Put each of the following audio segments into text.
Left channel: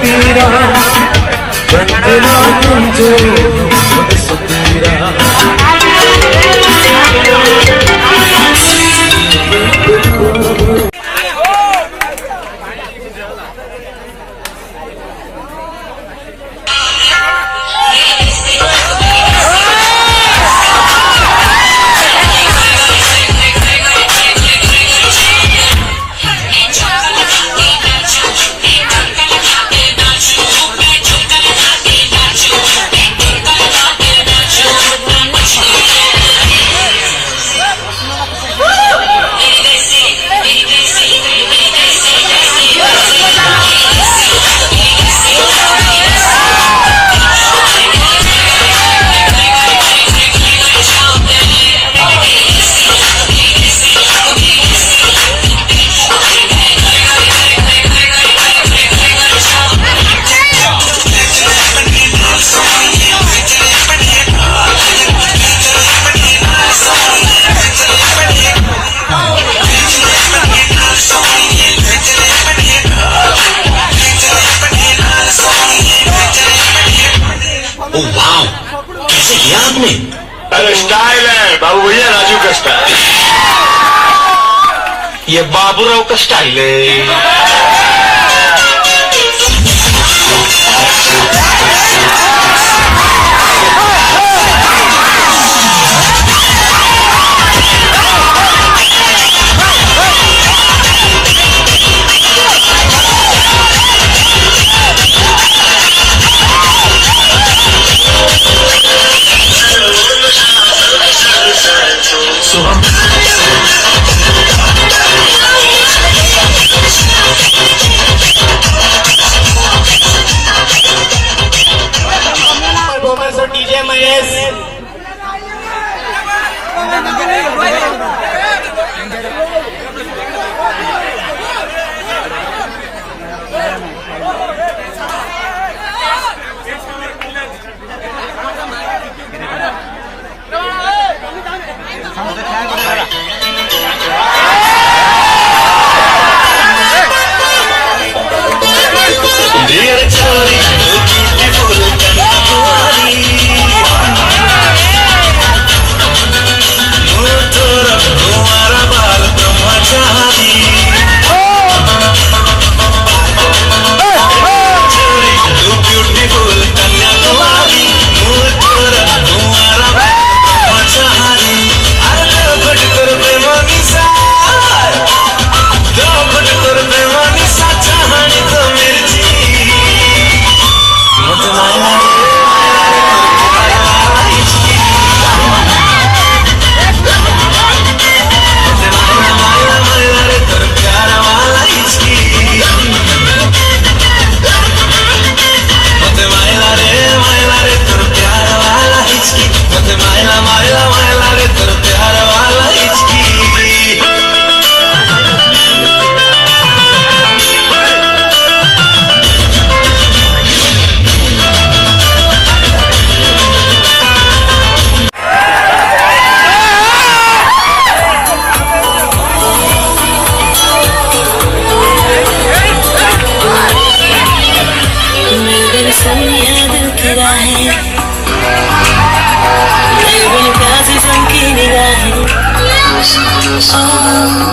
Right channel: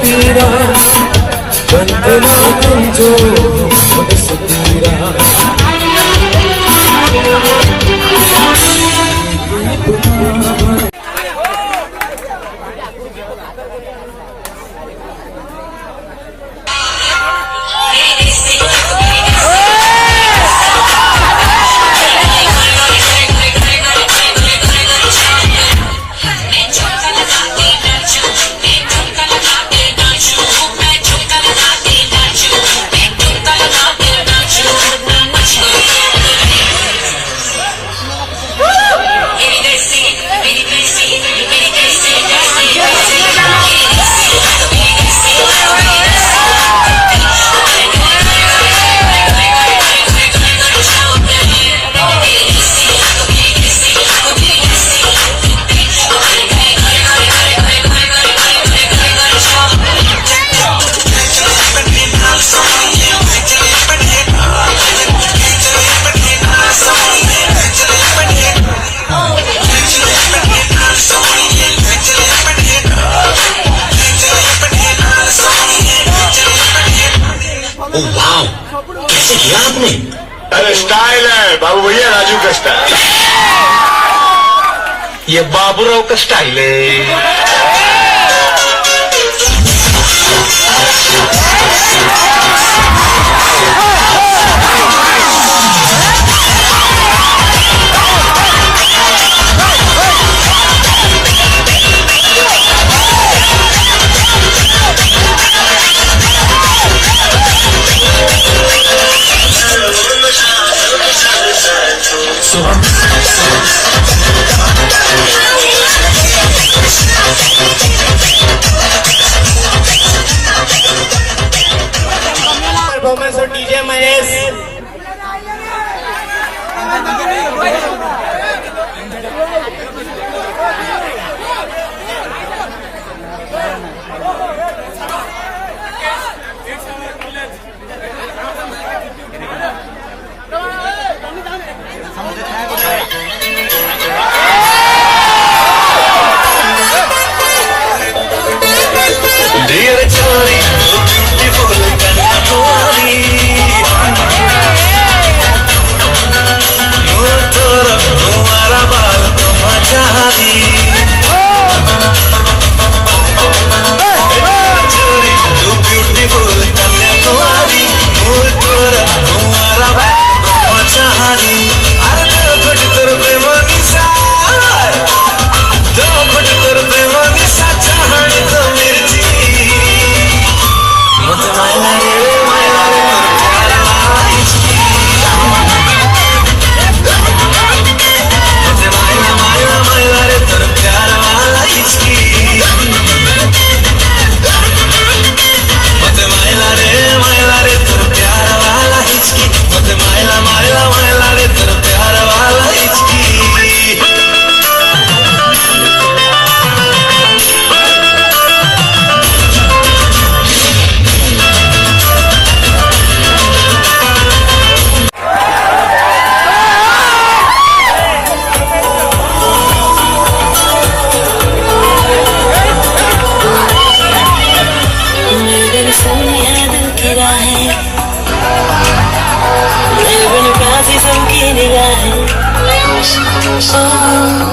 पीरा बंदना तुम जो सुपीरा कैसे किया आपने? अरे स्टाइल है बाबू भैया, राजू का स्टाइल। ये बाबूराव का स्टाइल है। डीजे महेश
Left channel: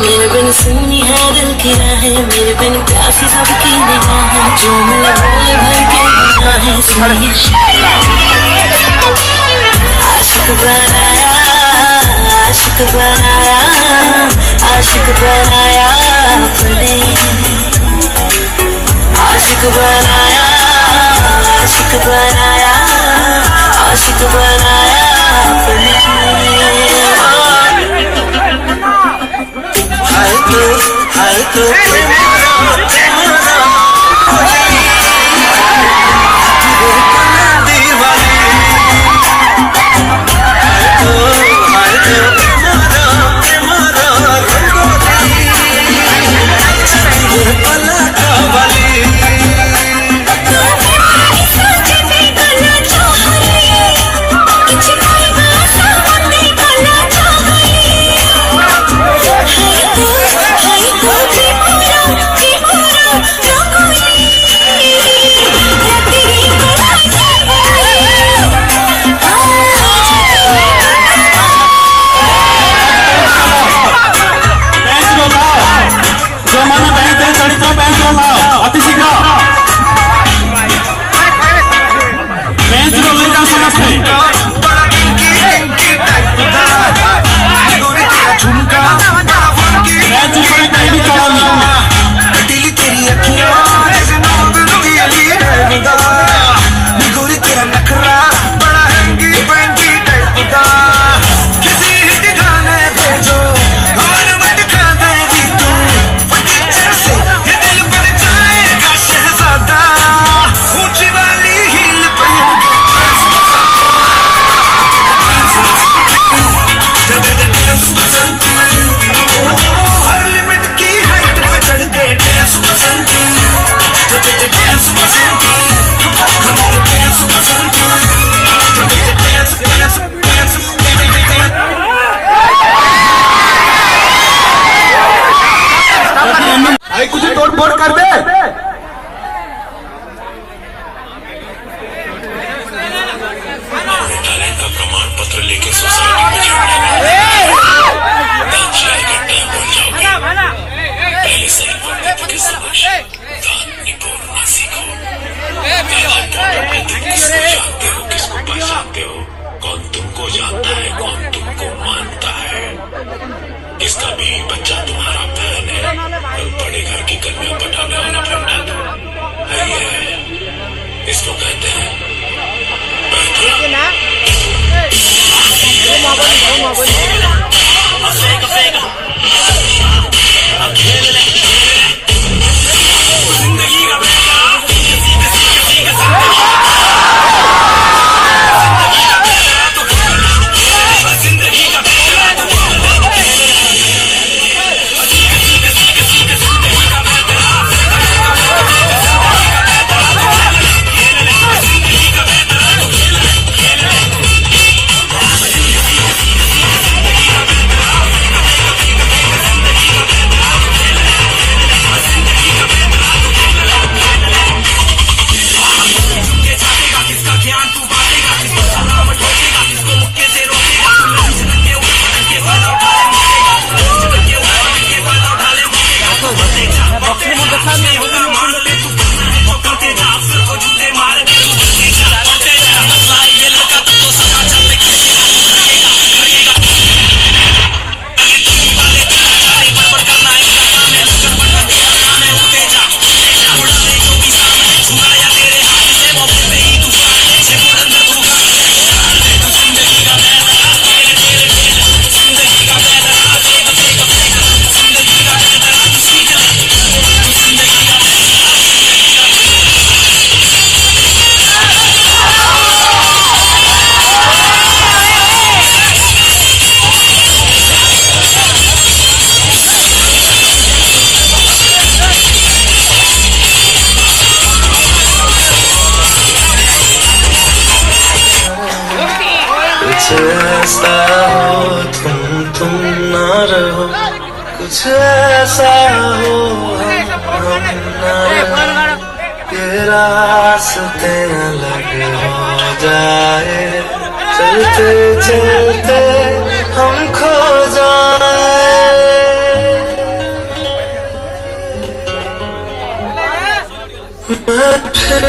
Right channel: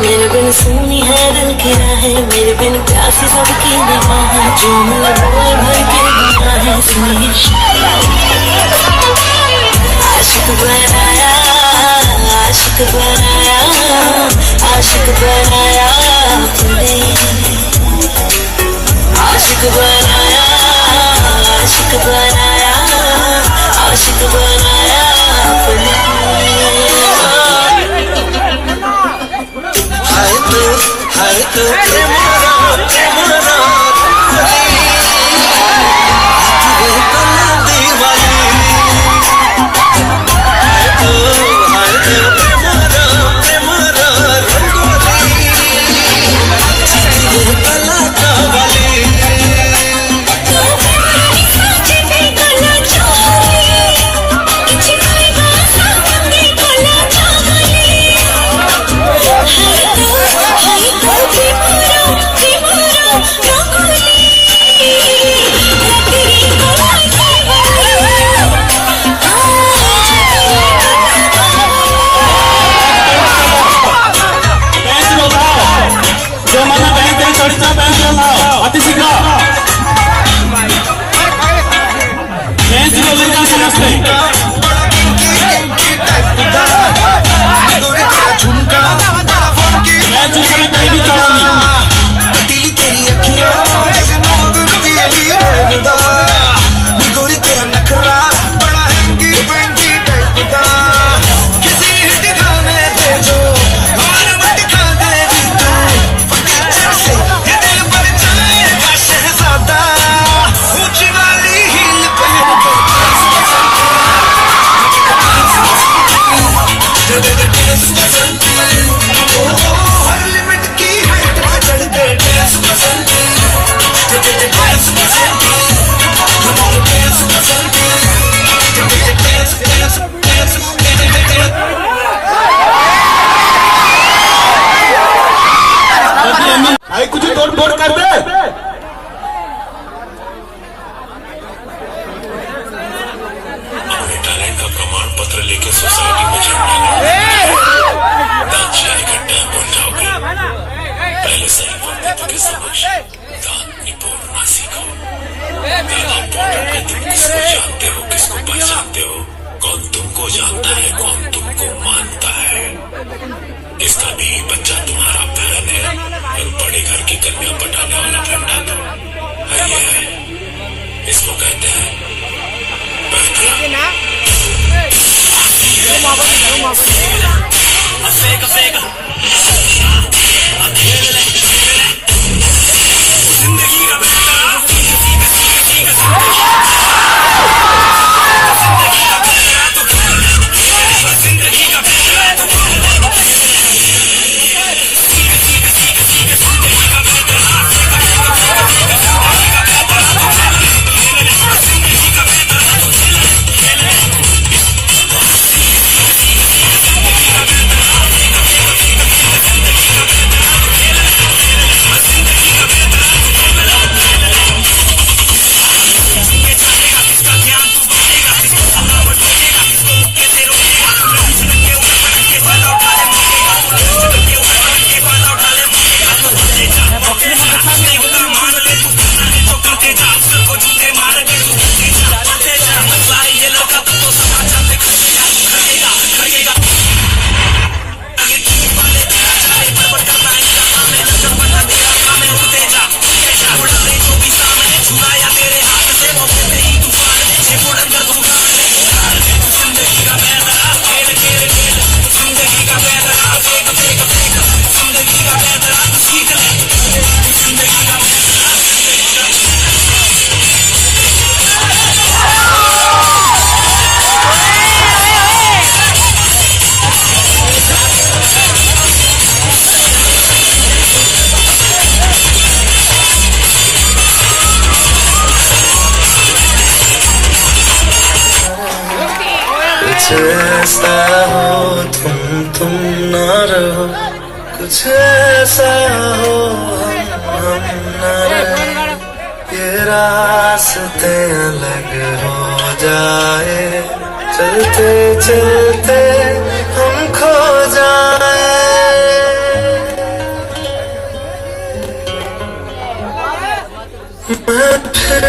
मेरे बिन सुनी है दिल की राहें, मेरे बिन प्यासी सबकी निगाहें, जो मिले बोले भर के बिना है सुनी। आशिक बनाया, आशिक बनाया, आशिक बनाया अपने, आशिक बनाया, आशिक बनाया, आशिक बनाया अपने। हाय तो भाई कुछ तोड़ फोड़ कर दे। टैलेंट का प्रमाण पत्र लेके सोसाइटी में झगड़ा बन जाओगे। पहले सही वक्त की समझ दान निपोड़ना सीखो। तुम किसको जानते हो, किसको पहचानते हो, कौन तुमको जानता है, कौन तुमको मानता है। इसका भी बच्चा तुम्हारा बहन है और बड़े घर की कन्या पटाने वाला फंडा तो है। इसको कहते हैं कुछ ऐसा हो तुम ना रहो, कुछ ऐसा हो हम ना रहो, ये रास्ते अलग हो जाए, चलते चलते हम खो जाए। मैं फिर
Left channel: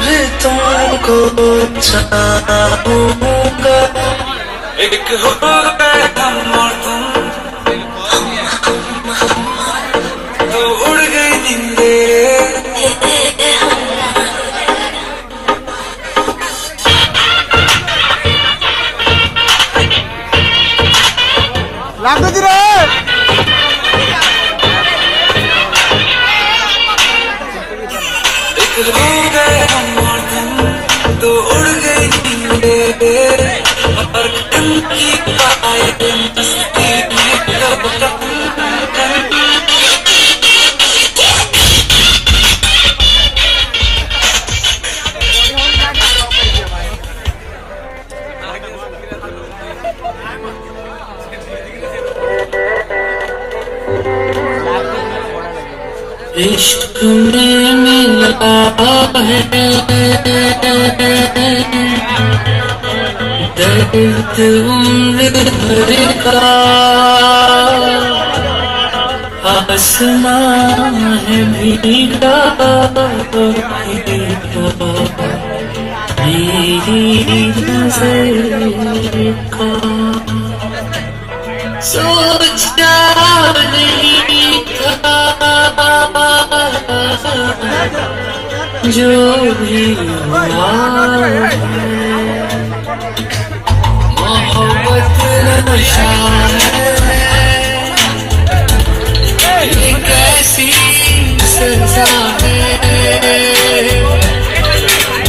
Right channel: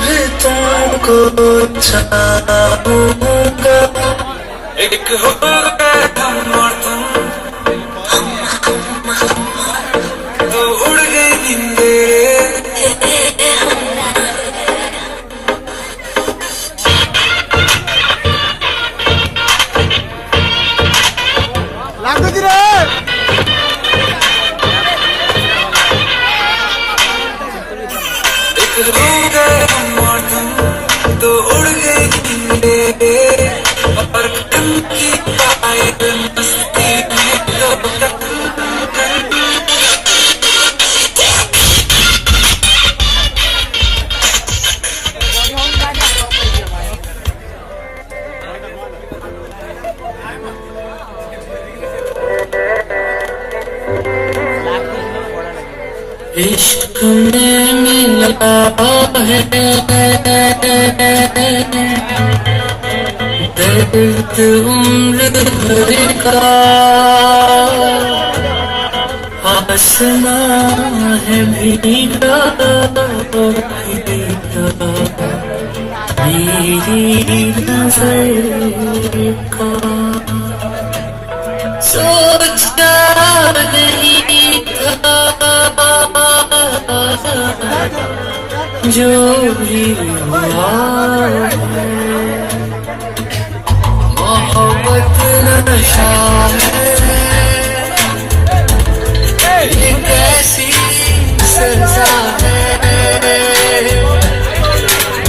भी तुमको चाहूंगा, एक हो गए हम और तुम, तो उड़ गई नींदें। एक हो गए हम और तुम, तो उड़ गई नींदें, और तुमकी पाए मस्ती में कब तक इश्क में मिला है दर्द उम्र भर का, आसमां है भीगा मेरी नजर का। सोचा नहीं था जो भी हुआ है, मोहब्बत नशा है, ये कैसी सजा है,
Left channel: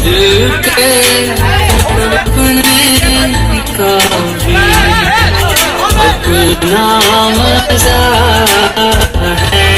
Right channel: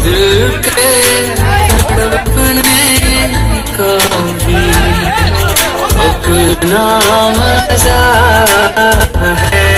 दिल के तड़पने का भी अपना मजा है।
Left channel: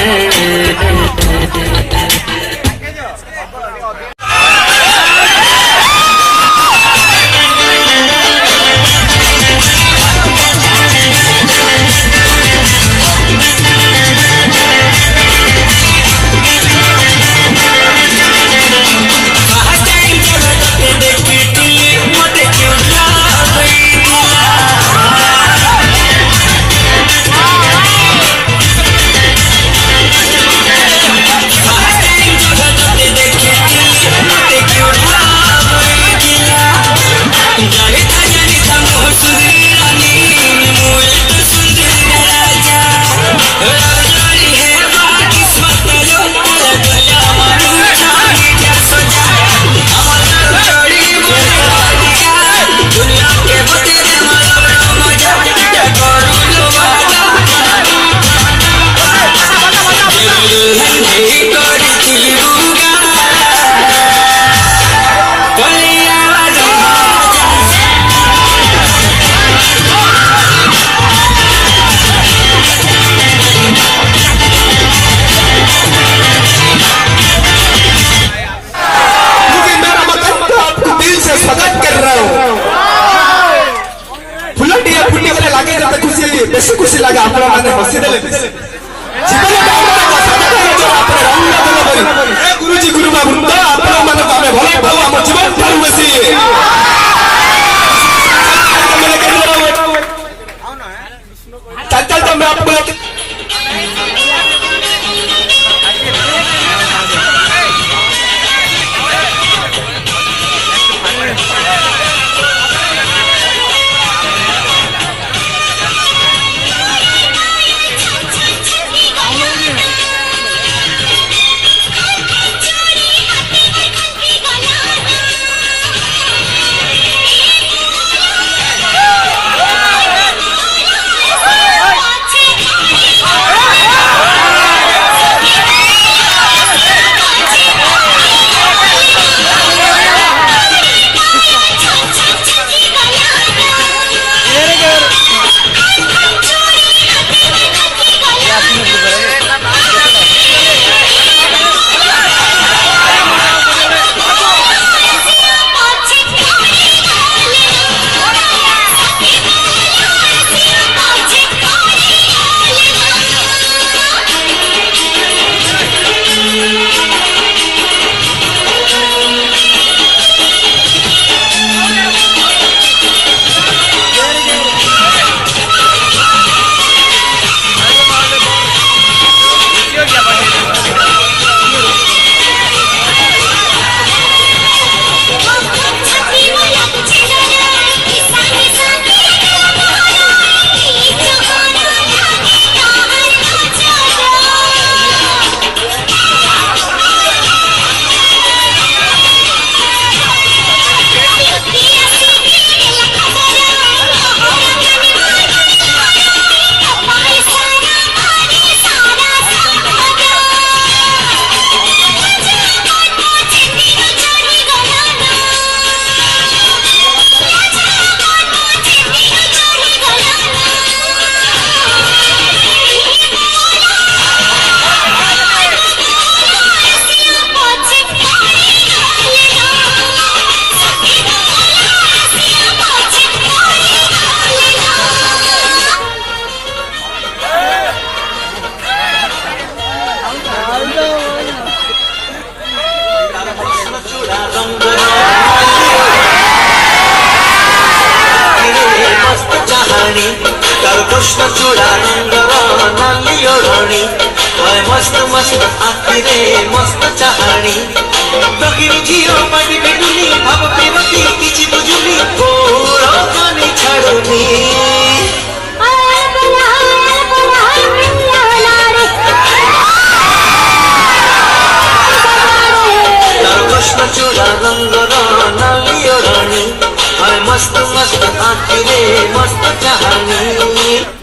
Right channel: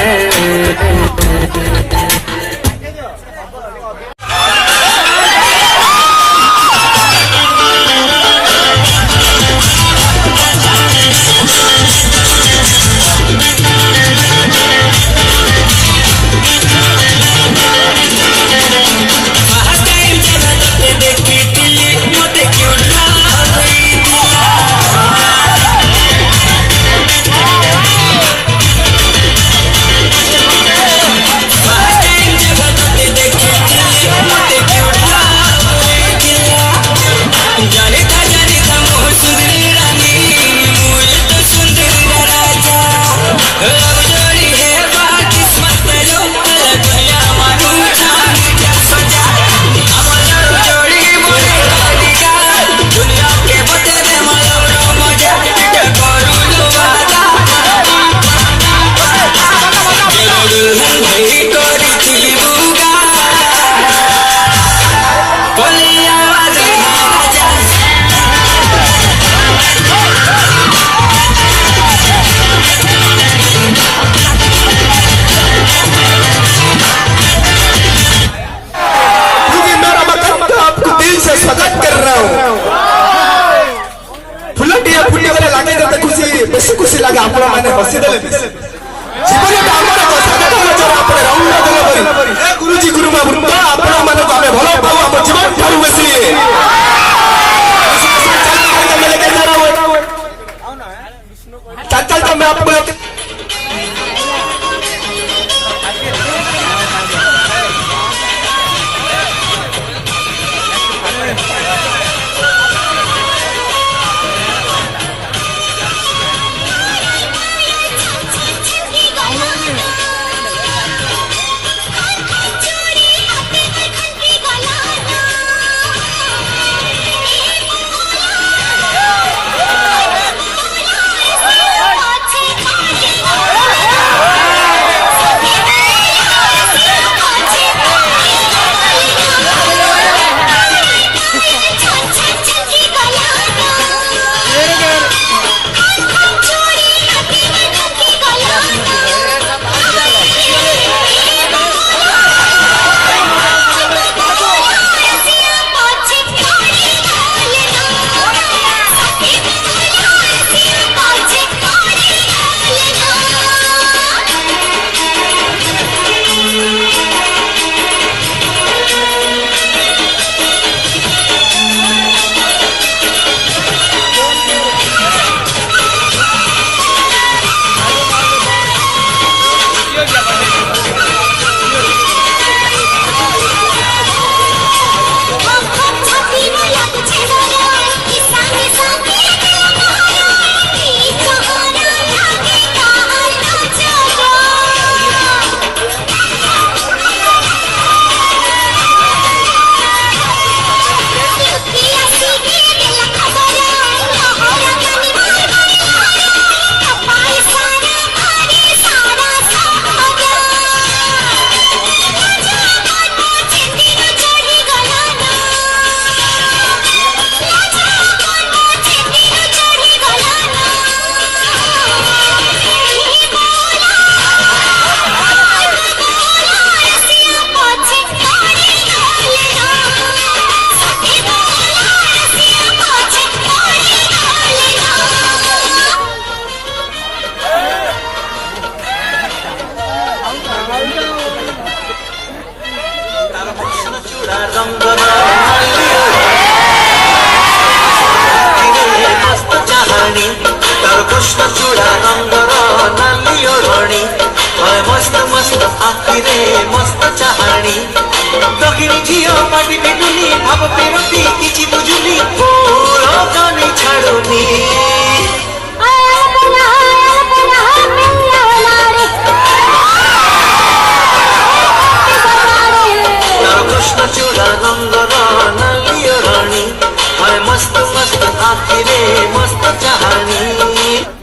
स्वागत कर रहा हूँ। फुलटिया फुटी वाले लागे जब खुशी बेसी खुशी लगे आप माने हसी देले जीवन का हमर स्वागत कर आपने रंग देले बरी ए गुरुजी गुरुमा वृंद आप माने आमे भलो पाऊ हम जीवन ठारू बेसी चल तो मैं आपको कृष्ण चूड़ा रंग नाली ओढ़णी मस्त मस्त आखिरे मस्त चाहाणी दक्षिणी झील पाटी बेगुनी भाव प्रेमती किछि बुझुनी कोड़ कानी छाड़ुनी कृष्ण चूड़ा रंग नाली ओढ़णी मस्त मस्त आखिरे मस्त चाहाणी